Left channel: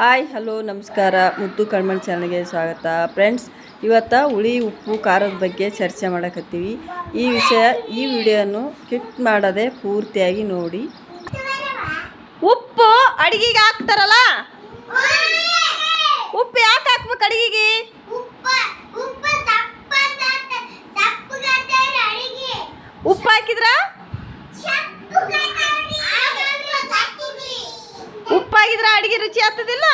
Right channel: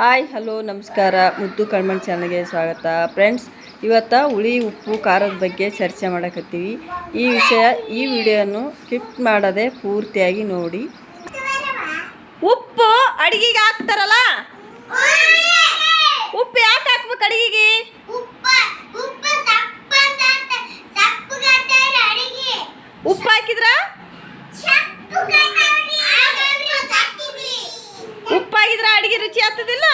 Hi hello ನಮಸ್ಕಾರ. ಮುದ್ದು ಕಣ್ಮಣ್ ಚಾನಲ್ಗೆ ಸ್ವಾಗತ ಫ್ರೆಂಡ್ಸ್. ಇವತ್ತು ಹುಳಿ ಉಪ್ಪು ಖಾರದ ಬಗ್ಗೆ ಚರ್ಚೆ ಮಾಡಕತ್ತೀವಿ. ಈ ವಿಡಿಯೋನು ಕ್ಲಿಕ್ ಮಾಡದೆ ಪೂರ್ತಿಯಾಗಿ ನೋಡಿ. ಉಪ್ಪು ಅಡಿಗೆಗೆ ಹಾಕ್ತಾರಲ್ಲ, ಉಪ್ಪು ಯಾಕೆ ಹಾಕ್ಬೇಕು ಅಡಿಗೆಗೆ? ಉಪ್ಪು ಹಾಕಿದ್ರ ಉಪ್ಪಾಗಿದ್ರ ಅಡಿಗೆ ರುಚಿ ಆಗ್ತದಿಲ್ಲ.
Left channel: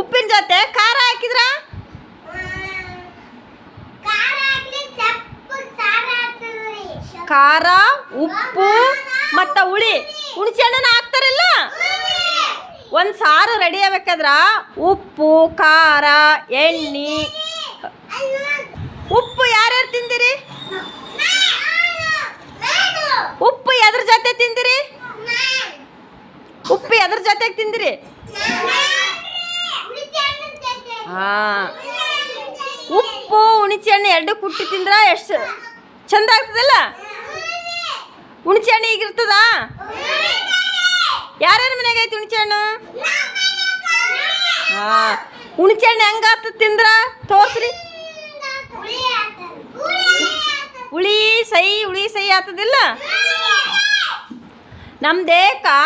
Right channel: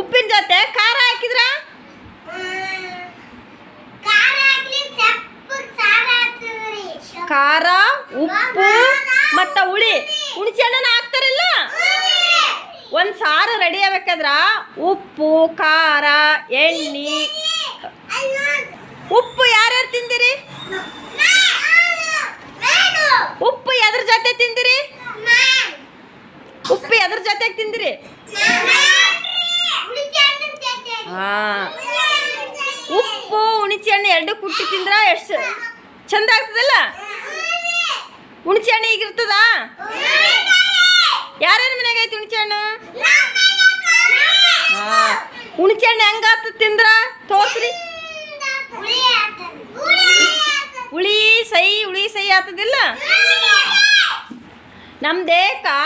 ಉಪ್ಪಿನ ಜೊತೆ ಖಾರ ಹಾಕಿದ್ರ ಖಾರ, ಉಪ್ಪು ಮತ್ತ ಹುಣಸೆ ಹಣ್ಣನ್ನ ಹಾಕ್ತಾರಿಲ್ಲ. ಒಂದು ಸಾರು ರೆಡಿ ಆಗ್ಬೇಕಾದ್ರ ಉಪ್ಪು, ಖಾರ, ಎಣ್ಣೆ. ಉಪ್ಪು ಯಾರ್ಯಾರು ತಿಂದಿರಿ? ಉಪ್ಪು ಎದ್ರ ಜೊತೆ ತಿಂದಿರಿ? ಉಪ್ಪು ಎದ್ರ ಜೊತೆಗೆ ತಿಂದಿರಿ? ಉಪ್ಪು ಹುಣಸೆ ಹಣ್ಣು ಎರಡು ಕುಟ್ಟಿ ತಿಂದ್ರ ಎಷ್ಟು ಚಂದ ಆಗ್ತದಲ್ಲ. ಹುಣಸೆ ಹಣ್ಣು ಈಗಿರ್ತದ? ಯಾರ್ಯಾರ ಮನೆಯಾಗ ಐತಿ ಹುಣಸೆ ಹಣ್ಣು? ಹುಣಸೆ ಹಣ್ಣು ಹೆಂಗಾಗ್ತದ ತಿಂದ್ರ ತೋರ್ಸ್ರಿ. ಹುಳಿ ಸೈ ಆಗ್ತದಿಲ್ಲ. ನಮ್ಮ ದೇಹಕ್ಕೆ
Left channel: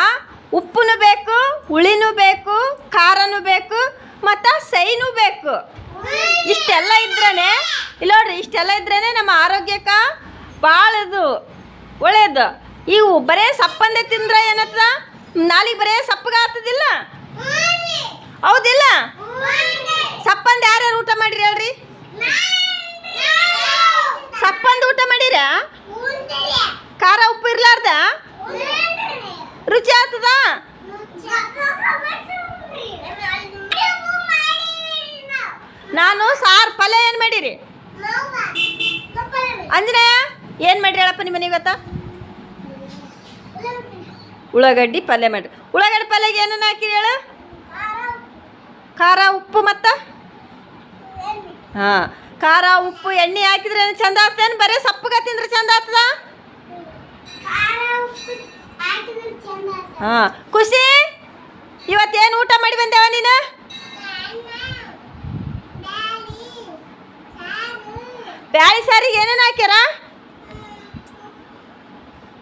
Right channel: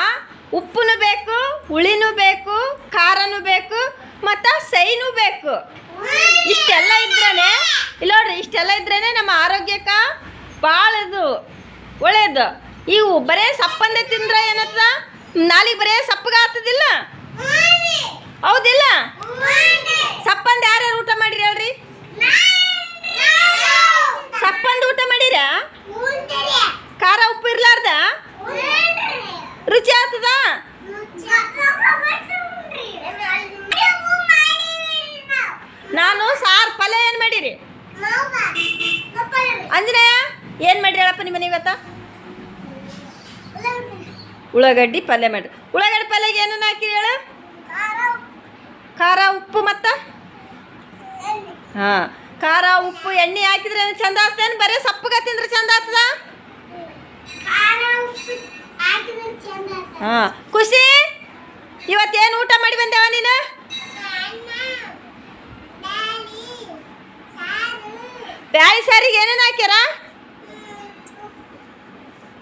ಉಪ್ಪುನು ಬೇಕು, ಹುಳಿನೂ ಬೇಕು, ಖಾರನೂ ಬೇಕು, ಮತ್ತು ಸೈನೂ ಬೇಕು. ಇಷ್ಟೆಲ್ಲ ಇದ್ರೇ ಇಲ್ಲ ನೋಡ್ರಿ, ಇಷ್ಟೆಲ್ಲ ಇದ್ರೇ ನಮ್ಮ ಆರೋಗ್ಯಕ್ಕೆ ಭಾಳ ಇದು ಒಳ್ಳೇದು. ಇವು ಬರೇ ಸಪ್ಪಂದೆ ತಿಂದ್ರೆ ಏನತ್ತದ, ನಾಲಿಗೆ ಬರೇ ಸಪ್ಪಗೆ ಆಗ್ತದಿಲ್ಲ. ಹೌದಿಲ್ಲ? ಸಪ್ಪಂದ ಯಾರ್ಯಾರು ಊಟ ಮಾಡಿರಿ ಹೇಳ್ರಿ? ಸಪ್ಪಂದ ಊಟ ಮಾಡಿರ? ಖಾರ ಉಪ್ಪು ಇರ್ಲಾರ್ದ ರುಚಿ ಆಗ್ತದ? ನಾನು ಸಾರು ಪಲ್ಯ ಏನು ಮಾಡಿರಿ? ಅಂಜನೇಯ ಏನು ಮಾಡಿರಿ ಹೇಳಪ್ಪ ನಿಮ್ಮ ಮನೆ ಇವತ್ತ? ಉಳ್ಳಾಗಡ್ಡಿ ಪಲ್ಯ ಮಾಡಿರಿ. ಉಳ್ಳಾಗಡ್ಡಿ ಪಲ್ಯಗೆ ಏನೇನು ಹಾಕಿರಿ ಹೇಳು? ಖಾರ, ಉಪ್ಪು ಮತ್ತು ಖಾರ, ಉಪ್ಪು, ಎಣ್ಣೆ ಹಾಕಿದ್ರೆ ಚಂದ ಆಗ್ತದೇನು? ಬರೀ ಸಪ್ಪಗ ತಿಂದ್ರೆ ಚಂದ ಆಗ್ತದ? ಖುಷಿ, ಇವತ್ತೇನು ಊಟ ಮಾಡಿ ಬಂದೇವ ನೀನು? ಬ್ಯಾಳಿ ಸಾರಿಗೆ ಏನೇನು ಹಾಕ್ಯಾರ?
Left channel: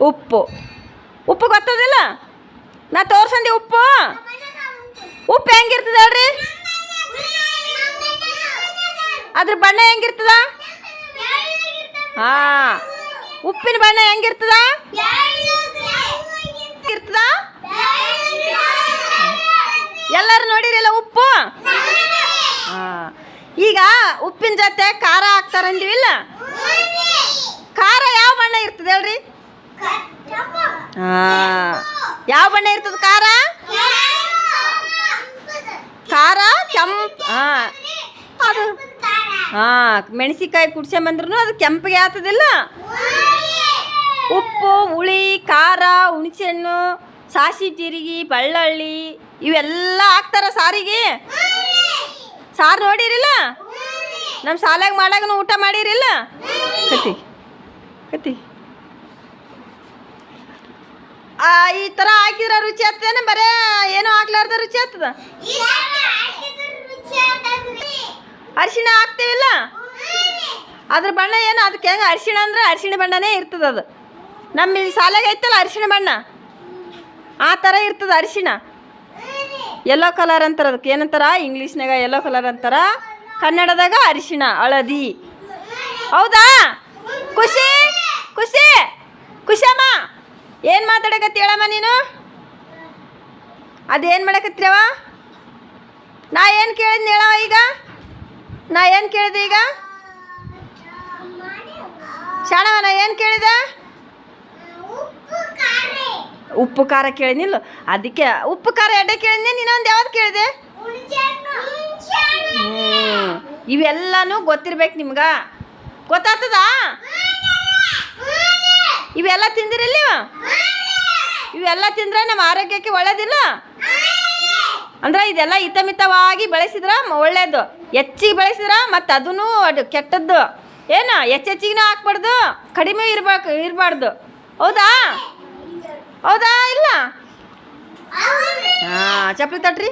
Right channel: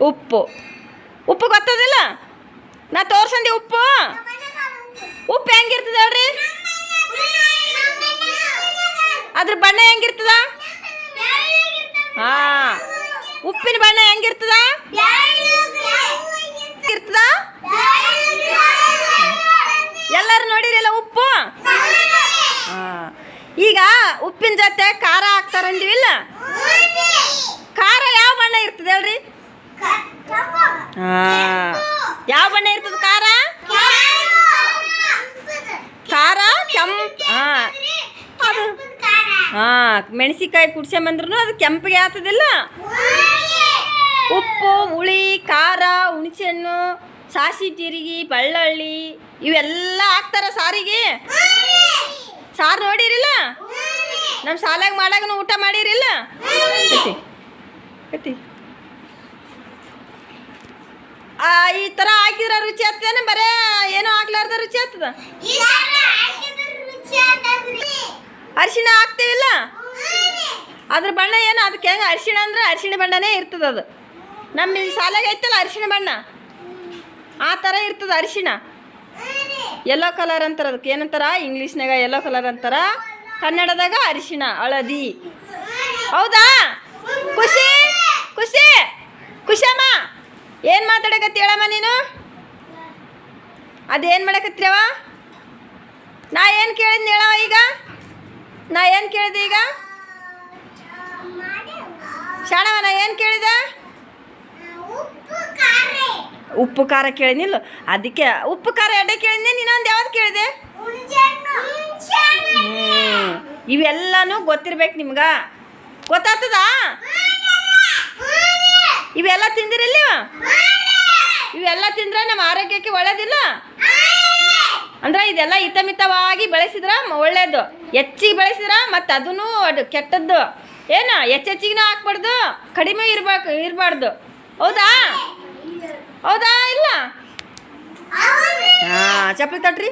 ಉಪ್ಪು ಗೊತ್ತದಿಲ್ಲ? ನಾ ತೋರ್ಸಂದಿ ಉಪ್ಪು ಹೆಂಗಿರ್ತದ ಹೇಳ್ರಿ? ಅದ್ರ ಬಣ್ಣ ಹೆಂಗಿರ್ತದ? ಉಪ್ಪಿನ ಬಣ್ಣ ಹೆಂಗಿರ್ತದ? ಎಲ್ಲರೂ ನೋಡಿರಲ್ಲ ಉಪ್ಪು. ಈಗ ಉಪ್ಪಿನ ಜೊತೆ ಖಾರ ಹಾಕ್ತಾರಂದಿವಿಲ್ಲ. ಖಾರ ಯಾವ ಬಣ್ಣ ಇರ್ತದೆ ಹೇಳ್ರಿ? ಯಾವ ಬಣ್ಣ ಇರ್ತದ ಖಾರ? ಕೆಂಪು. ಅದು ಮೆಣಸಿಕಾಯಿ ಕುಡ್ಸ್ಕೊಂಬಂದ್ರೂ ಅದು ಕೆಂಪಿಗೆ ಆಗ್ತದಿಲ್ಲ. ಉಪ್ಪು, ಹುಳಿ, ಖಾರ, ಹುಣಸೆ ಹಣ್ಣು, ಸಾಸಿ, ಜೀರಿಗೆ, ಬೆಳ್ಳುಳ್ಳಿ ಇವೆಲ್ಲ ಹಾಕ್ತಾರ ಸಾರಿಗೆ. ಸಾರು ನೋಡಿರಿಲ್ಲ? ನಮ್ಮ ಶಾಲ್ಯಾಗ ಮಾಡಾಗನು ಊಟ ಮಾಡಿರಿಲ್ಲ? ಈ ಥರ ಹಾಕಿದ್ರೆ ರುಚಿ ಆಗ್ತದೇನೆ? ಬರೇ ಏನೋ ಹಾಕ್ಲಾರ್ದ ರುಚಿ ಆಗ್ತದ? ಅರಿಶಿಣ ಹಾಕ್ತೀವಿಲ್ಲ, ಅದ್ರ ಬಣ್ಣ ಏನು? ಅದಕ್ಕೆ ಹೆಂಗೆ ಅರಿಶಿಣ ಅಂದ್ರೆ ಅರಿಶಿಣ ಬಣ್ಣನೇ ಇರ್ತದೆ. ಅದು ನಮ್ಮ ಶಾಲೆಗೆ ಐತಲ್ಲ ಅರಿಶಿಣ ಬಣ್ಣ, ಆ ಥರ ಇರ್ತದೆ ಅರಿಶಿಣ. ಯೆಲ್ಲೋ ಕಲರ್ ಅಂತಾರೆ ಅದಕ್ಕೆ. ಏನಂತಾರ ಇಂಗ್ಲೀಷ್ನಾಗ? ಯೆಲ್ಲೋ ಕಲರ್ ಅಂತಾರ, ಕನ್ನಡದಾಗ ಅರಿಶಿಣ, ಹಳದಿ. ಹೌದಾ? ಖುಷಿಯಮ್ಮ ಏನು ಮಾತಾಡಕತ್ತಿ ಹೇಳಮ್ಮ ನೀನು? ಅದೇನು ಮಾಡಕತ್ತೀರವ? ನಾ ಏನು ಕೇಳಿದ್ನಿ ಹೇಳವ ಈಗ? ನಾ ಏನು ಕೇಳಿದೆ ಈಗ? ಶಾಣವ ನಾ ಏನು ಕೇಳಿದೆ? ಉಪ್ಪು ಖಾರ ಕೇಳಿನಿಲ್ಲ. ಅದಕ್ಕೆ ಉಪ್ಪು ಖಾರ ಎಡ್ಡೆ ಕೇಳಿದ್ನೆ. ನೀನೊಂದು ಯಾವ್ದು ಕೇಳಿದೆ? ಇವೆಲ್ಲನೂ ಗೊತ್ತಿರ್ಬೇಕು ನಿಮ್ಗೆ. ಗೊತ್ತಾಗ್ತದ? ಇವೆಲ್ಲ ತಿಂದಿರಿಲ್ಲ? ಇವೆಲ್ಲ ತಿಂದ್ರೆ ನಮ್ಮ ಆರೋಗ್ಯಕ್ಕೆ ಒಳ್ಳೇದಿಲ್ಲ. ಅಂದ್ರೆ ಇದೆಲ್ಲ ಹಿತಮಿತವಾಗಿ ಬೆಳೆಸಿದ್ರೆ ಒಳ್ಳೇದು. ಹೆಚ್ಚಿಗೆ ಬೆಳೆಸಿದ್ರೆ ಮತ್ತು ಅದೂ ಅದು ಕೆಟ್ಟದ್ದು. ಏನು ಹೆಚ್ಚಿಗೂ ಹಾಕ್ಬಾರ್ದು, ಕಡಿಮೆ ಇರಬಾರ್ದು. ಹೌದಾ? ಇಲ್ಲ? ಚಪ್ಪಲಿ ತಟ್ರಿ